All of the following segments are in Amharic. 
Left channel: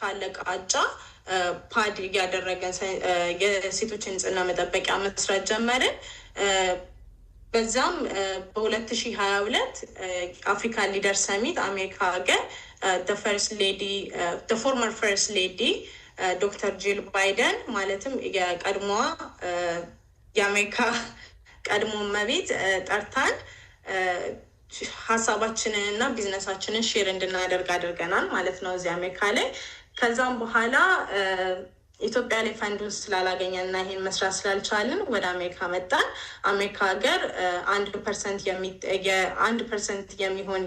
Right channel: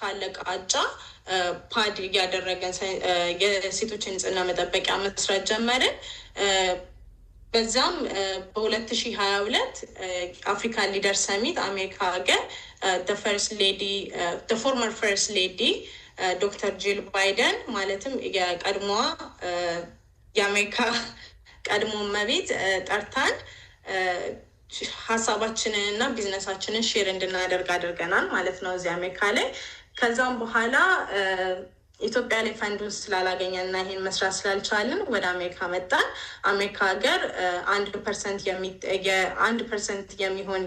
ካለ ቃጫ ፓድ ያደረገን የሴቶችን ንጽህና መጠበቂያ መስራት ጀመርን። በዛም በ2022 አፍሪካ ሊደር ሰሚት አሜሪካ ሀገር ፎርመር ፈርስት ሌዲ ዶክተር ጂል ባይደን ማለትም የቀድሞዋ የአሜሪካ ቀድሞ መቤት ጠርታን ሀሳባችንን እና ቢዝነሳችንን ሼር እንድናደርግ አድርገናል ማለት ነው እዚህ አሜሪካ ላይ። ከዛም በኋላ ኢትዮጵያ ላይ ፈንዱን ስላላገኘን እና ይሄን መስራት ስላልቻልን ወደ አሜሪካ መጣን። አሜሪካ ሀገር 1% የሚሆን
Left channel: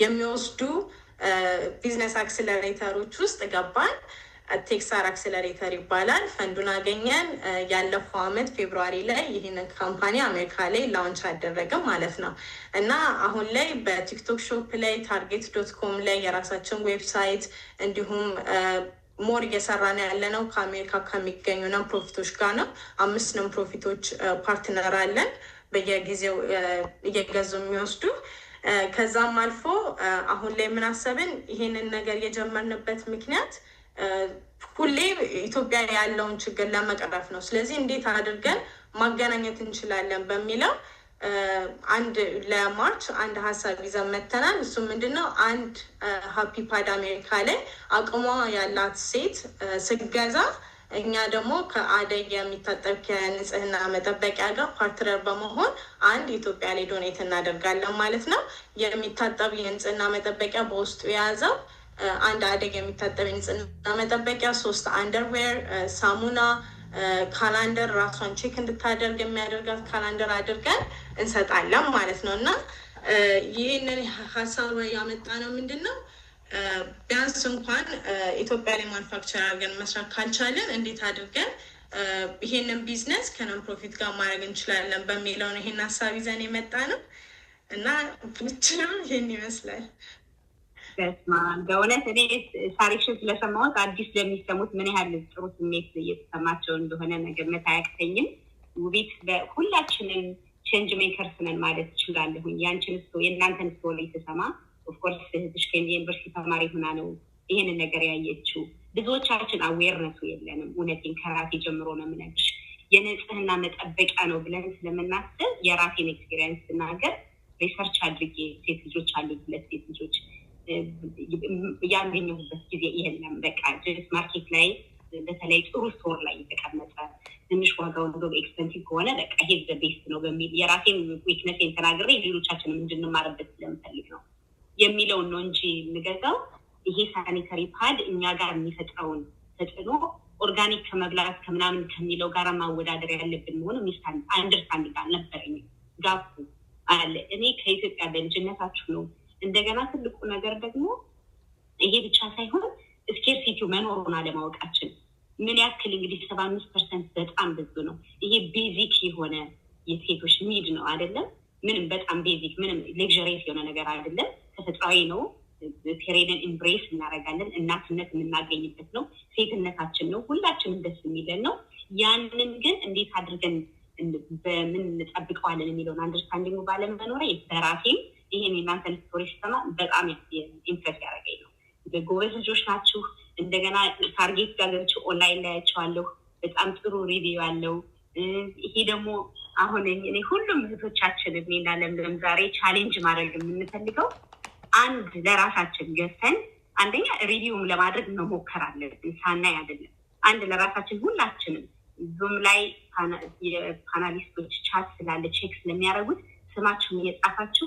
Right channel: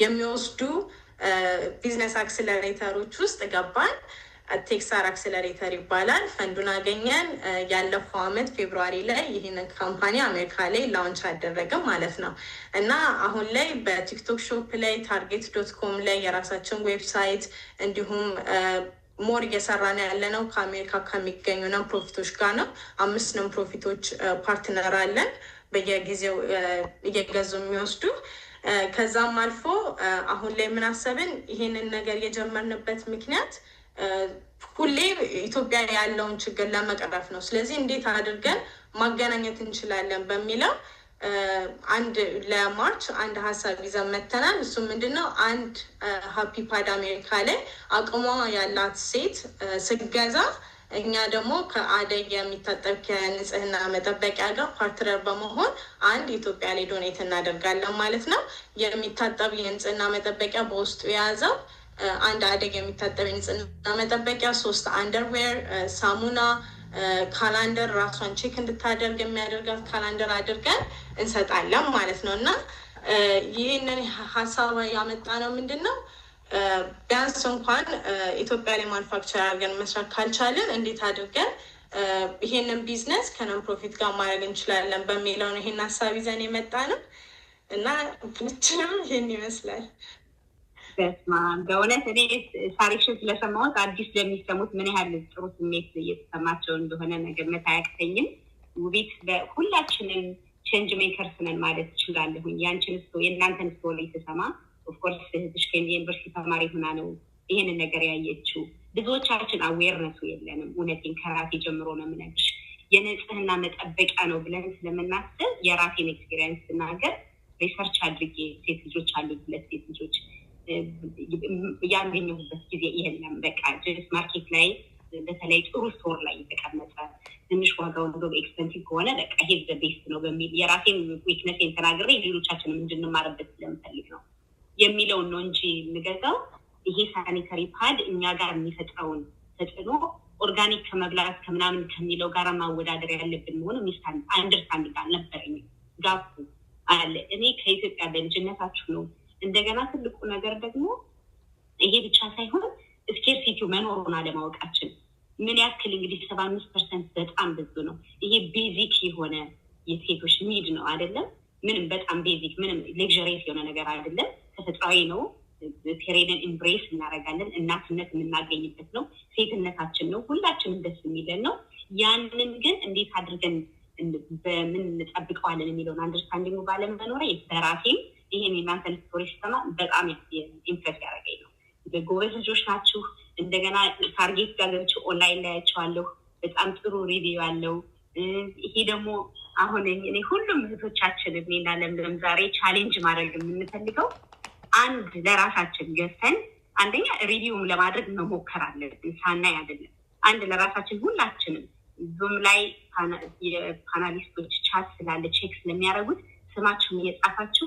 የሚወስዱ ቢዝነስ አክስለሬተሮች ውስጥ ገባን። ቴክሳር አክስለሬተር ይባላል። ፈንዱን አገኘን። ያለፈው አመት ፌብሩዋሪ ላይ ይህንን ካምፓኒ አሜሪካ ላይ ላውንች አደረግም ማለት ነው እና አሁን ላይ በቲክቶክ ሾፕ ላይ target.com ላይ የራሳችን ዌብሳይት እንዲሁም ሞር እየሰራን ያለ ነው ከአሜሪካ ከሚገኙ ነን ፕሮፊቶች ጋር ነው። 5 ነን ፕሮፊቶች ፓርትነር አለን በየጊዜው እየገዙ የሚወስዱ። ከዛም አልፎ አሁን ላይ የምናሰብን ይሄንን ነገር የጀመርንበት ምክንያት ሁሌ ኢትዮጵያ ያለውን ችግር ለመቅረፍ ነው። ስለዚህ እንዴት አድርገን ማገናኘት እንችላለን በሚለው ለማርች አንድ ሀሳብ ይዘን መተናል። እሱ ምንድነው? አንድ ሃፒ ፓድ አሜሪካ ላይ አቅሟ ያላት ሴት ስገዛ እኛ ደግሞ ከአደይ የሚታጠብ ከንጽህና መጠበቂያ ጋር ፓርትነር በመሆን አንድ ኢትዮጵያ ላይ ዶኔት እናደርጋለን ማለት ነው። የሚታጠብ የንጽህና መጠበቂያ በውስጡ የያዘው አንድ አደግ የሚታጠብ የንጽህና መጠበቂያ፣ 3 አንደርዌር፣ ሳሙና፣ ካላንደር ራሷን ቼክ እንድታደርግ የሚያደርጋት ካላንደር አድርገን እንሰጣለን ማለት ነው። እና ይህንን ሀሳብ ያመጣ ነው ምንድን ነው ቢያንስ እንኳን ኢትዮጵያ ላይ ማኑፋክቸር አድርገን መስራት ካልቻለን እንዴት አድርገን ይሄንን ቢዝነስ ከነን ፕሮፊት ጋር ማድረግ እንችላለን በሚለው ነው ይሄን ሀሳብ ይዘን የመጣ ነው እና ብቻም ይሄን ይመስላል። በእውነት እኔ ታሪክሽን ስለሰማሁት አዲስ ለሚሰሙት ምን ያህል ጥሩ ስሜት እየተሰማቸው እንደሆነ መገመት አያቅተኝም። ውቤት ሁላችንም ቼንጅ ሜከርስ ነን ማለት እችላለሁኝ። ያንቺን የእናንተን ስቶሪ የተሰማ ኦፍኮርስ እህትሽ ከዩኒቨርሲቲ ተማሪ ሆና ነው ይሄንን ነገር ያየችው። ብዙዎቻችን አዌርነሱ የለንም። እውነቴን ከራሴ ጀምሮ ነው የምነግርሽ። የንጽህና መጠበቂያ ነው ብለን ስለምናስብ የራሴን ኤክስፔሪየንስ ስናገር ሪሰርች አድርጌ ሴት ልጆች አሉ 2 ሴት ልጆች ያገኘሁበት ጊዜ ይሄንን በቃ ጀስ ማርኬት ላይ በተለይ ጥሩ ስቶር ላይ የተቀመጠ ትንሽ ዋጋው እንደው ኤክስፔንሲቭ ከሆነ በቃ ይሄ ቤስት ነው በሚል የራሴን ዊክነሴን ተናግሬ ሌሎቻችንም እንድንማርበት ስለምፈልግ ነው የሚለውን ነው እንጂ የምገዛው ይሄ ሳኒታሪ ፓድ እኛ ጋር የሚፈጥረውን ተጽዕኖ ኦርጋኒክ ከመብላት ከምናምን ከሚለው ጋር ማወዳደር ያለብን መሆኑ አንደርስታንድ አልነበረኝ። ጋፑ አለ። እኔ ከኢትዮጵያ በልጅነታችሁ ነው። እንደገና ትልቁ ነገር ደግሞ ይሄ ብቻ ሳይሆን ስኬርሲቲው መኖሩን አለማወቃችን ምን ያክል እንግዲህ 75% በጣም ብዙ ነው። ይሄ ቤዚክ የሆነ የሴቶች ኒድ ነው አይደለም? ምንም በጣም ቤዚክ ምንም ሌክዠሪየስ የሆነ ነገር አይደለም። ተፈጥሯዊ ነው። ፔሬድን ኢምብሬስ እናደርጋለን። እናትነት የምናገኝበት ነው። ሴትነታችን ነው። ሁላችንም ደስ የሚለን ነው። ያንን ግን እንዴት አድርገን በምን እንጠብቀዋለን የሚለውን አንደርስታንዲንግ ባለመኖሬ በራሴም ይሄን የእናንተን ስቶሪ ስሰማ በጣም ኢምፕሬስ ያደረገኝ ነው። ጎበዝ ልጆች ናችሁ። እንደገና ታርጌት ጋር ገብቼ ኦንላይን ላያቸዋለሁ። በጣም ጥሩ ሪቪው አለው። ይሄ ደግሞ አሁን እኔ ሁሉም እህቶቻችን እኔና ለምለም ዛሬ ቻሌንጅ ማድረግ የምንፈልገው አንድ ለራሳችን ገዝተን አንደኛ ሪቪውም ለማድረግ መሞከር አለብን። ሳናይ አይደለም። አንድ ለራሳችን ሁላችንም ዙም ላይ የፓናሊስቶች ቻት ስላለ ቼክ ስለሚያደርጉት ስማችሁን እየጻፋችሁ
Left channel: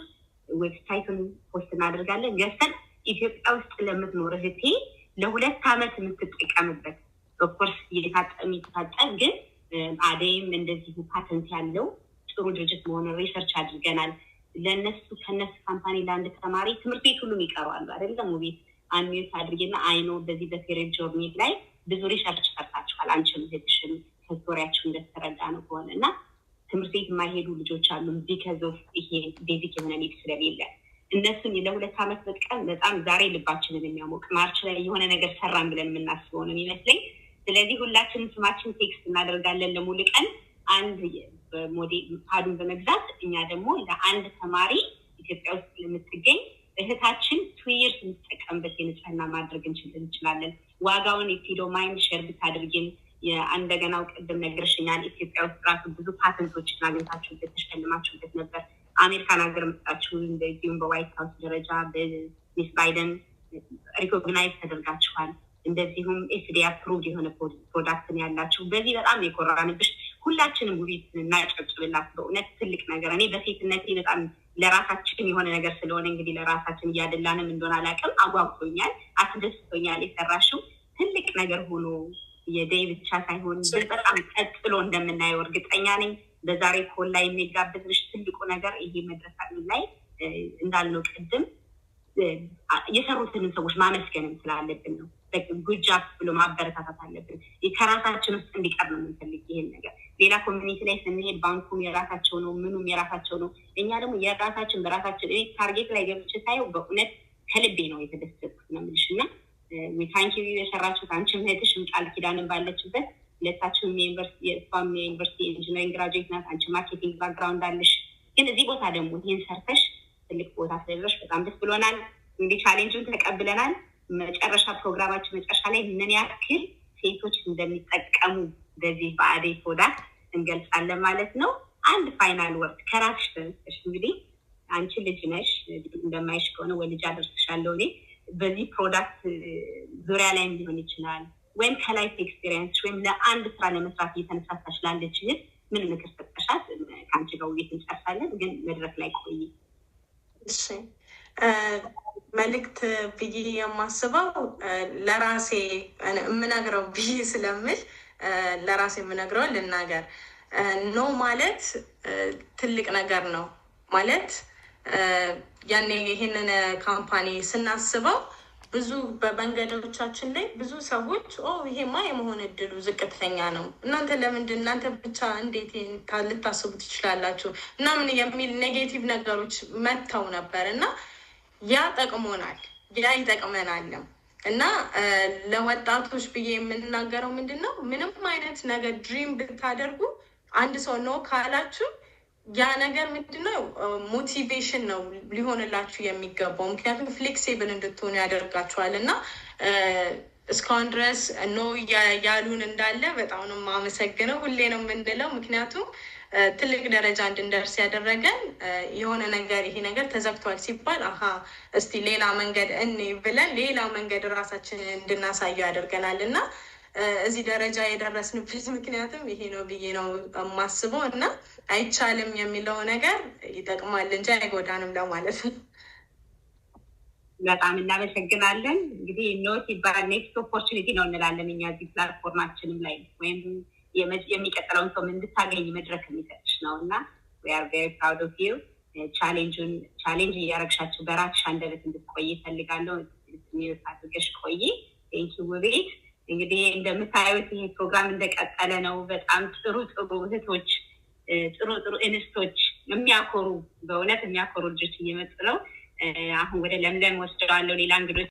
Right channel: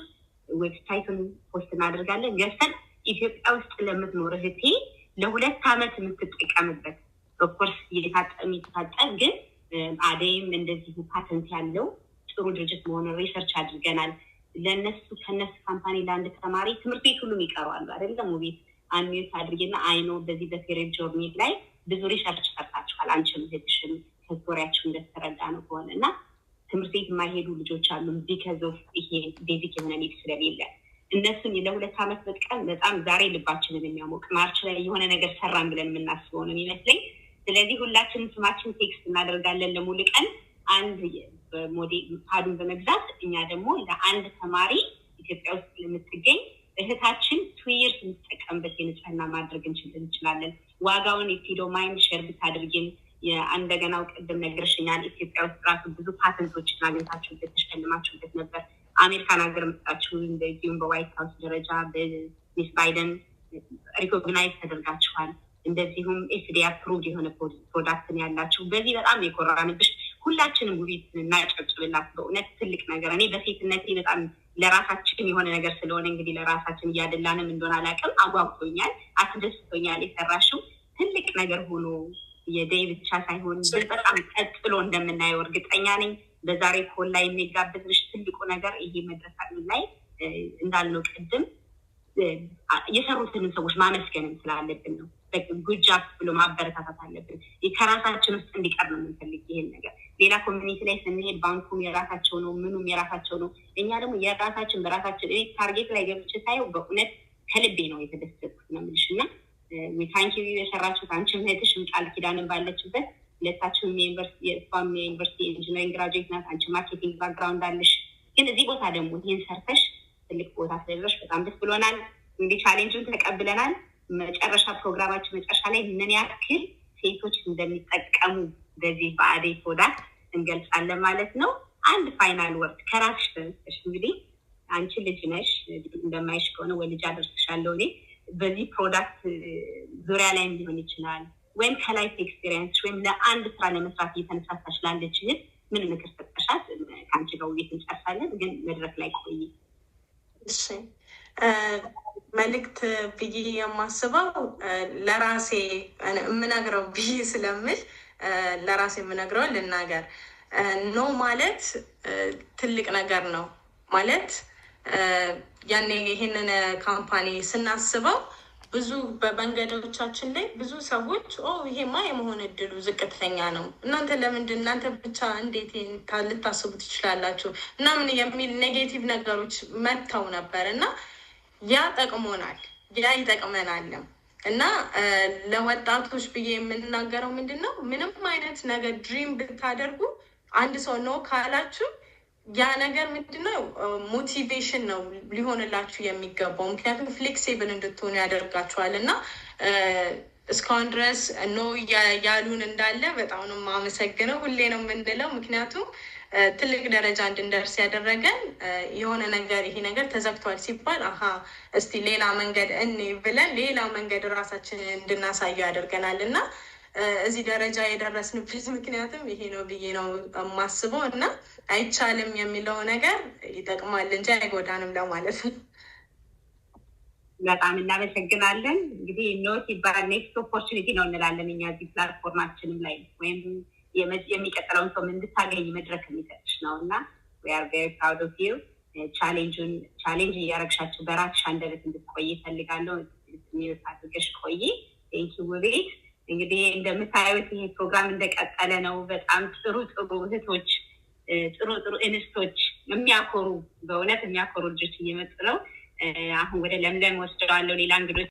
ዌብሳይቱን ፖስት እናደርጋለን። ገዝተን ኢትዮጵያ ውስጥ ለምትኖር እህቴ ለ2 ዓመት የምትጠቀምበት ኦፍኮርስ የሚታጠብ ግን አደይም እንደዚህ ፓተንት ያለው ጥሩ ድርጅት መሆኑን ሪሰርች አድርገናል። ለነሱ ከነሱ ካምፓኒ ለአንድ ተማሪ ትምህርት ቤት ሁሉም ይቀረዋሉ አይደለም? ውቤት አንሚዩት አድርጌና አይኖ በዚህ በፔሬድ ጆርኒ ላይ ብዙ ሪሰርች ሰርታችኋል። አንቺም እህትሽም ከስቶሪያችሁ እንደተረዳ ነው ከሆነ እና ትምህርት ቤት የማይሄዱ ልጆች አሉ ቢካዝ ኦፍ ይሄ ቤዚክ የሆነ ኒድ ስለሌለ እነሱን ለ2 ዓመት በጥቀም በጣም ዛሬ ልባችንን የሚያሞቅ ማርች ላይ የሆነ ነገር ሰራን ብለን የምናስበው ነው የሚመስለኝ። ስለዚህ ሁላችንም ስማችን ቴክስት እናደርጋለን ለሙሉ ቀን አንድ ሞዴል ፓዱን በመግዛት እኛ ደግሞ ለአንድ ተማሪ ኢትዮጵያ ውስጥ ለምትገኝ እህታችን 2 years የምትጠቀምበት የንጽህና ማድረግ እንችላለን። ዋጋውን ኢፊዶ ማይንድ ሼር ብታደርጊን እንደገናው ቅድም ነግረሽኛል። ኢትዮጵያ ውስጥ ራሱ ብዙ ፓተንቶችን አግኝታችሁበት ተሸልማችሁበት ነበር። አሜሪካን ሀገር መጣችሁ በዚሁም በዋይት ሀውስ ደረጃ በሚስ ባይደን ሪኮግናይዝ ተደርጋችኋል። እንደዚሁም ኤፍዲኤ አፕሩቭድ የሆነ ፕሮዳክትን ያላችሁ በዚህ በጣም የኮራንብሽ። ሁላችንም ውቢት እናጨብጭብላት። በእውነት ትልቅ ነገር እኔ በሴትነቴ በጣም ለራሳችን የሆነ ነገር ስለሆነ እንግዲህ ለራሳችን እያደላንም እንደሆነ አላውቅም፣ አጓጉቶኛል፣ አስደስቶኛል። የሰራሽው ትልቅ ነገር ሆኖ የደይ ብቻ ሳይሆን በጣም ቀጥሎ እንደምናየው እርግጠኛ ነኝ። በዛሬ ኮል ላይ የሚጋበዝሽ ትልቁ ነገር ይሄ መድረክ ላይ እንዳልነው ቅድም የሰሩትን ሰዎች ማመስገን ስላለብን ነው። ጉጃፕ ብሎ ማበረታታት አለብን። ከራሳችን ውስጥ እንዲቀር ነው የምንፈልግ ይሄን ነገር። ሌላ ኮሚኒቲ ላይ ስንሄድ ባንኩም የራሳቸው ነው፣ ምኑም የራሳቸው ነው። እኛ ደግሞ የራሳችን በራሳችን ታርጌት ላይ ገብቼ ሳየው በእውነት ከልቤ ነው የተደሰትኩት ነው የምልሽ። እና ታንኪ የሰራችሁት አንቺም እህትሽም ቃል ኪዳንን ባለችበት ሁለታችሁም የእሷም የዩኒቨርሲቲ ኢንጂነሪንግ ግራጁዌት ናት፣ አንቺ ማርኬቲንግ ባክግራውንድ አለሽ። ግን እዚህ ቦታ ደግሞ ይህን ሰርተሽ ትልቅ ቦታ ስለደረስሽ በጣም ደስ ብሎናል። እንግዲህ ቻሌንጁን ተቀብለናል። መጨረሻ ፕሮግራማችን መጨረሻ ላይ ምን ያክል ሴቶች እንደሚጠቀሙ በዚህ በአደይ ፕሮዳክት እንገልጻለን ማለት ነው። አንድ ፋይናል ወርድ ከራስሽ ተነስተሽ እንግዲህ አንቺ ልጅ ነሽ፣ እንደማይሽ ከሆነ ወልጅ አደርስሻለሁ እኔ በዚህ ፕሮዳክት ዙሪያ ላይ ሊሆን ይችላል ወይም ከላይፍ ኤክስፔሪንስ ወይም ለአንድ ስራ ለመስራት እየተነሳሳሽ ላለች ምን ምክር ሰጠሻት? ከአንቺ ጋር ውይይት እንጨርሳለን፣ ግን መድረክ ላይ ቆይ። እሺ መልእክት ብዬ የማስበው ለራሴ የምነግረው ብዬ ስለምል ለራሴ የምነግረው ልናገር። ኖ ማለት ትልቅ ነገር ነው ማለት ያኔ ይህንን ካምፓኒ ስናስበው ብዙ በመንገዶቻችን ላይ ብዙ ሰዎች ይሄማ የመሆን እድሉ ዝቅተኛ ነው፣ እናንተ ብቻ እንዴት ልታስቡ ትችላላችሁ ምናምን የሚል ኔጌቲቭ ነገሮች መጥተው ነበር እና ያ ጠቅሞናል፣ ያ ይጠቅመናልም። እና ለወጣቶች ብዬ የምናገረው ምንድን ነው፣ ምንም አይነት ነገር ድሪም ብታደርጉ አንድ ሰው ነው ካላችሁ ያ ነገር ምንድነው ሞቲቬሽን ነው ሊሆንላችሁ የሚገባው። ምክንያቱም ፍሌክሲብል እንድትሆኑ ያደርጋችኋል። እና እስካሁን ድረስ ኖ ያሉን እንዳለ በጣም ነው የማመሰግነው። ሁሌ ነው የምንለው፣ ምክንያቱም ትልቅ ደረጃ እንድንደርስ ያደረገን የሆነ ነገር ይሄ ነገር ተዘግቷል ሲባል እስቲ ሌላ መንገድ እኔ ብለን ሌላ መንገድ ራሳችንን እንድናሳየው ያደርገናል። እና እዚህ ደረጃ የደረስንበት ምክንያቱም ይሄ ነው ብዬ ነው የማስበው። እና አይቻልም የሚለው ነገር ይጠቅማል እንጂ አይጎዳንም ለማለት ነው። በጣም እናመሰግናለን። እንግዲህ ኖት ይባል ኔክስት ኦፖርቹኒቲ ነው እንላለን እኛ እዚህ ፕላትፎርማችንም ላይ ወይም የሚቀጥለውን ሰው እንድታገኝ መድረክ የሚሰጥሽ ነው እና we are very proud of you። ቻሌንጅ እያረግሻቸው በራስሽ አንደበት እንድትቆይ እፈልጋለሁ። ሚዩት አድርገሽ ቆይ። ቴንኪው ውቤት። እንግዲህ እንደምታዩት ይሄ ፕሮግራም እንደቀጠለ ነው። በጣም ጥሩ እህቶች፣ ጥሩ እንስቶች፣ በእውነት የሚያኮሩ ልጆች እየመጡ ነው። አሁን ወደ ለምለም ወስደዋለሁ። ሌላ እንግዶች